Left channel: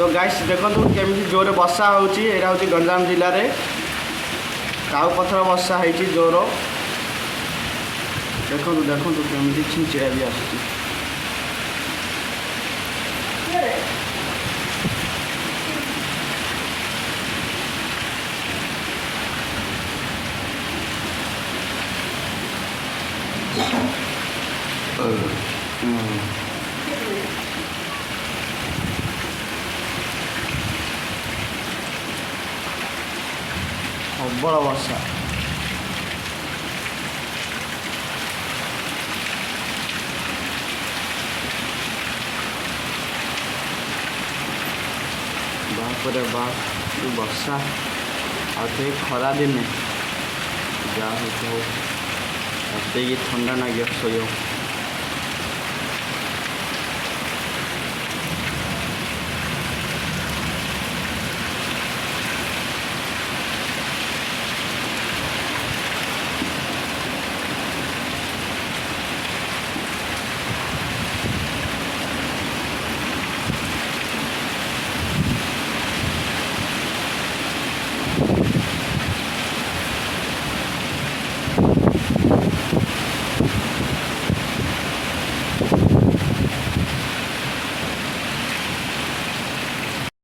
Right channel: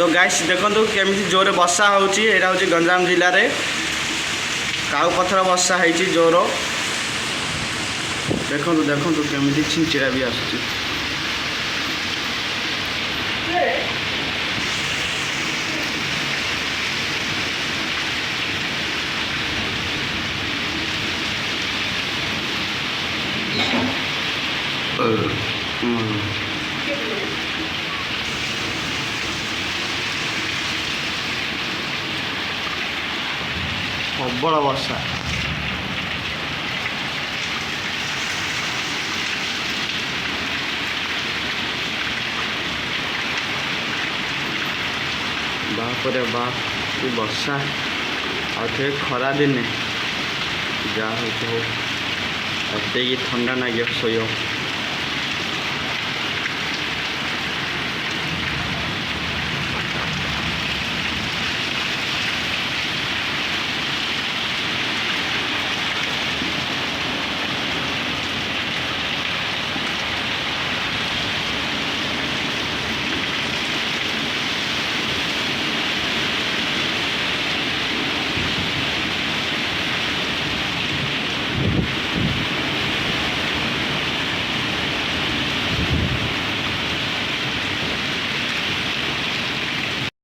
तो गाइस देखो केमी जोर वर्षा होची एरा होची गंजाम जिले में काउ पथर वर्षा होती जोर देखो देखो केमी छिंचिड़ा भी आसुची प्रबल वर्षा बाप रे बाप वर्षा आउ खरा दिने जहाँ हो थंडा ना शो